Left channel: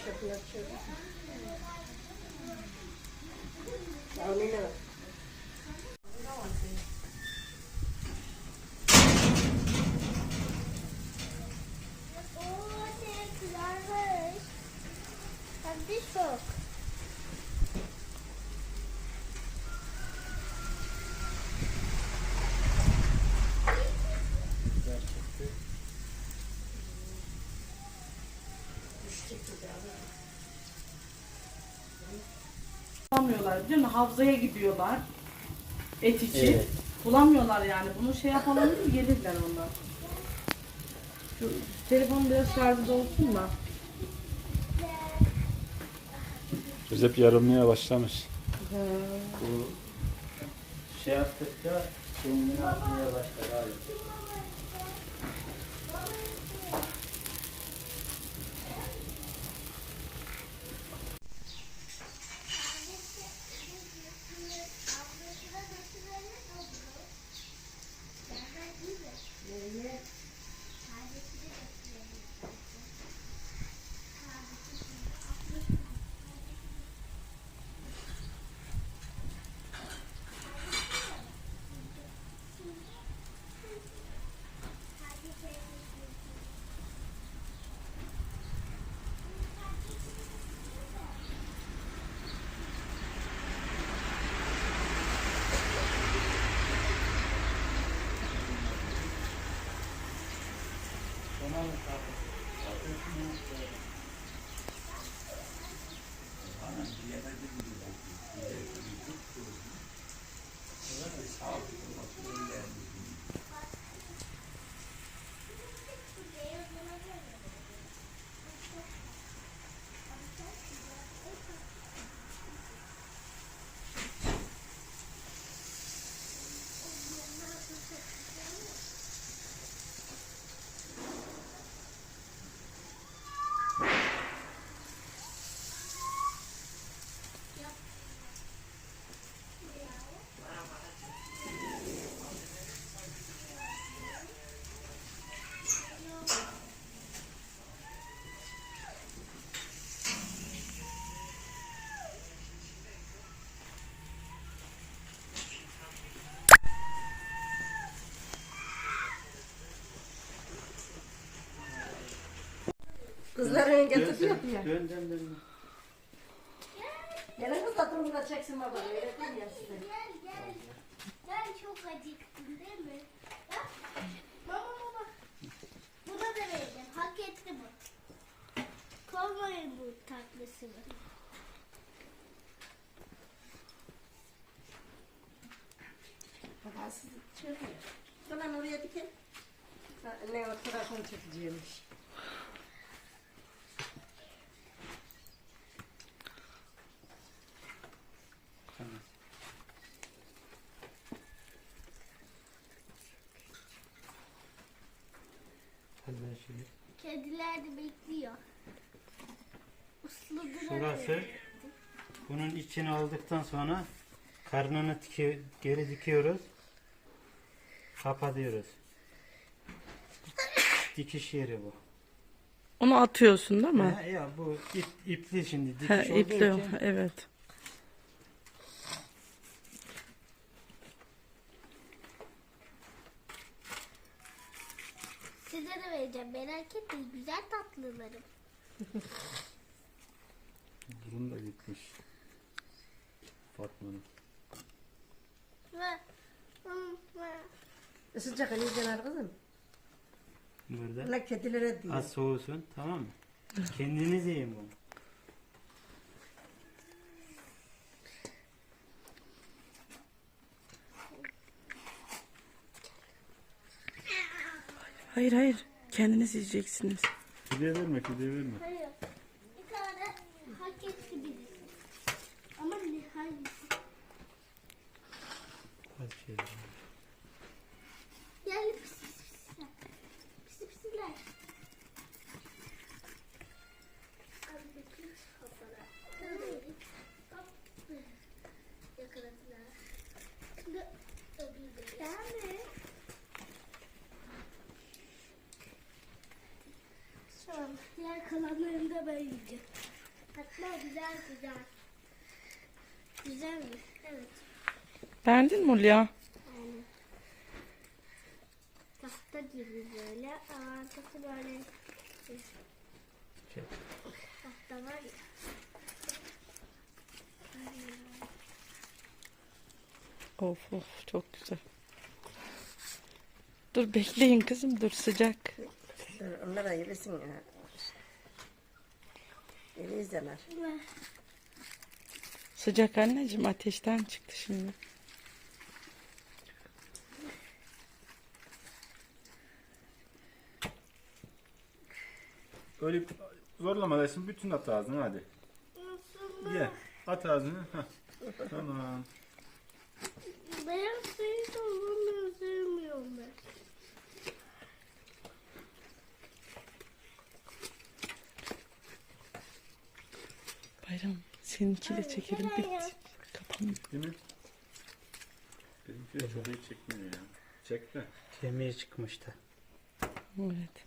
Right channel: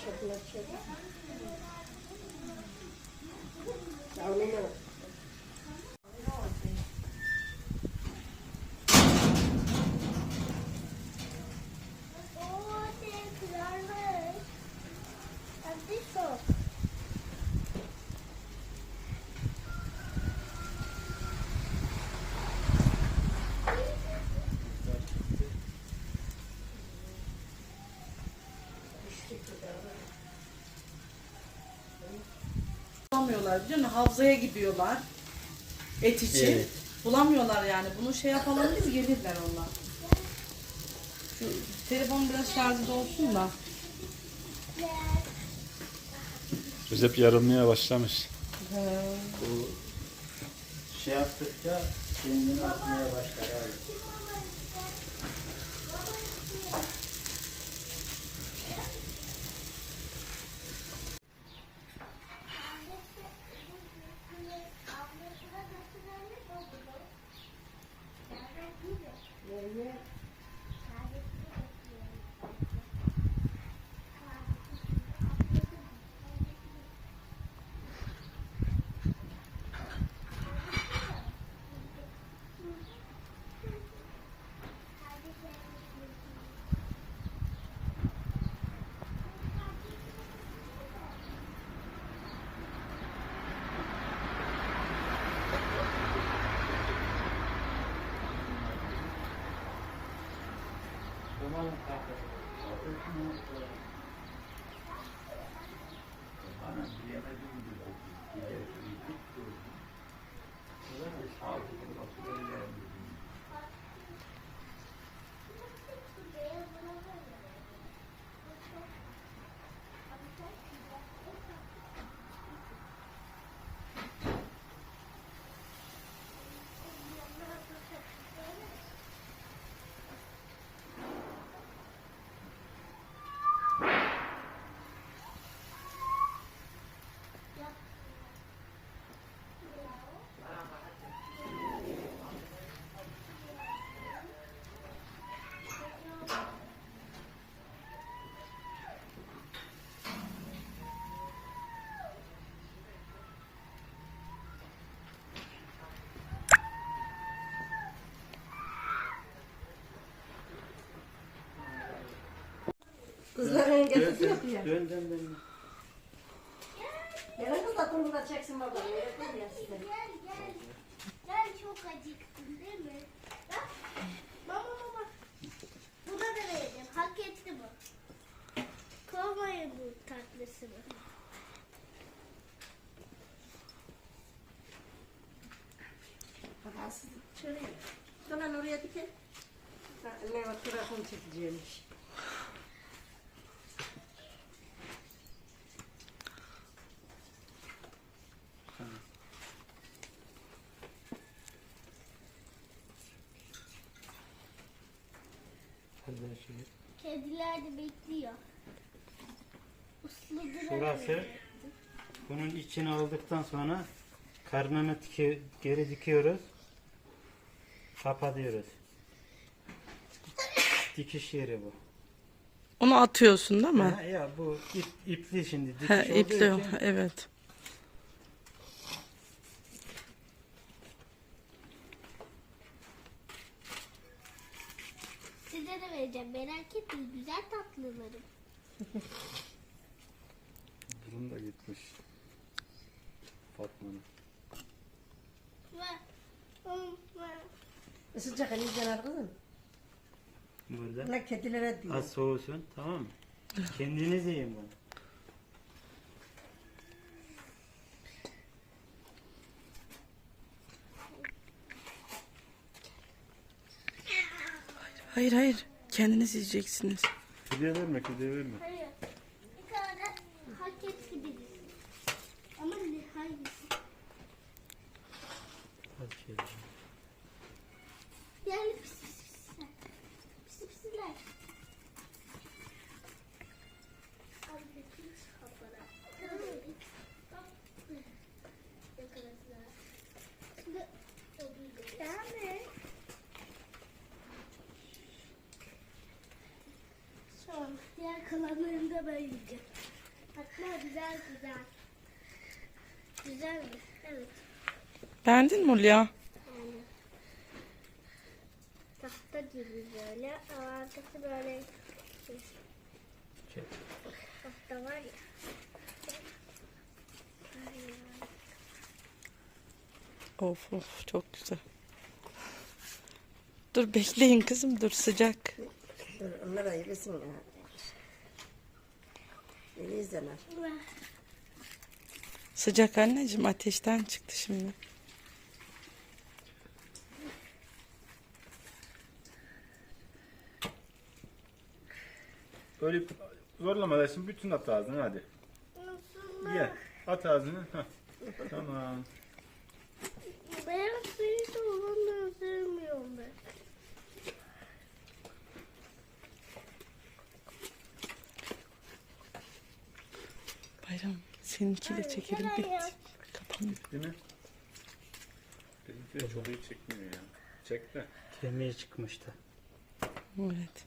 başladılar şöyle. Ya ne var? Bulamıyorlar biliyor musun? Havzaya gidiyorlar. Et için. Evet. Bulamıyorlar yani. Bunu şey yapalım biz gelirler onlar. Şu telefon biraz şarjı olsun da. Recep yarılmaya başlamış. Bu şey yaptıkça kendini atmaya başlar abi. Kızların getiriyor ya. Dön. Gelin kız da turunu da çeksin bakalım. Öğretmen ya size. Gel çok acıktın değil mi? Bak. Baba. Buna da vereceğim. Hak etti bu. Kovmayın bu tatlısını. Baba siz şöyle. Hemen oraya dikin. Ne o telefon çekeceğimiş. Kediler de bekliyor. Şurası. Bunun içini aldıktan sonra karnını geri dikiyoruz. Kapatıyoruz. Dikiş yeri bu. Onu atıyorsun değil mi? Ha, ya bu ipli şimdi. Dikiş He, olduğu ipli. için Evet. Size de vereceğim. Merak etmeyin. Güzel tatlılarım. Burun da gitmiş. Fatma'nın. Sıcak eli yanar kızım. burada. Ne kedilere diyor. Az soğusun, tamam mı? Kendiniz yiyin bunu. Hayır. Kendiniz yiyeceksiniz. Fidye verme. Hayır. Bir tane hak etti birisi. Ama ne hangisi? Az şey. Yani pisler. Pisler. Al bakayım kafana. Yakaladılar. Şimdi yani. Şu an diğer kalanlarını da ben yiyeceğim. Hatta güzel. Güzelmiş. Evet. Beğendin mi Hulya? Yani. Tahta gibi böyle. Ama arkası böyle. Şey, Tahta var ya. Of of çok güzel. Dur bekleyin kızım dur sıcak. Dur, onlar ayırırsın ya. Beni izlemez. Sıcak anneciğim ateşten çıktı şimdi. Öyle zorlama dersin, bütün at ağzına hadi. Ye. At ağzını. Heh. Tamam. Beyaz suyu da onu sevmiyorum ben. Bayram seninki de çekelim bir kapanıyor. Değil mi? Benimki de çok iyi çekmiyor ya. Çek de. kemiği çıkmıştı. Evet.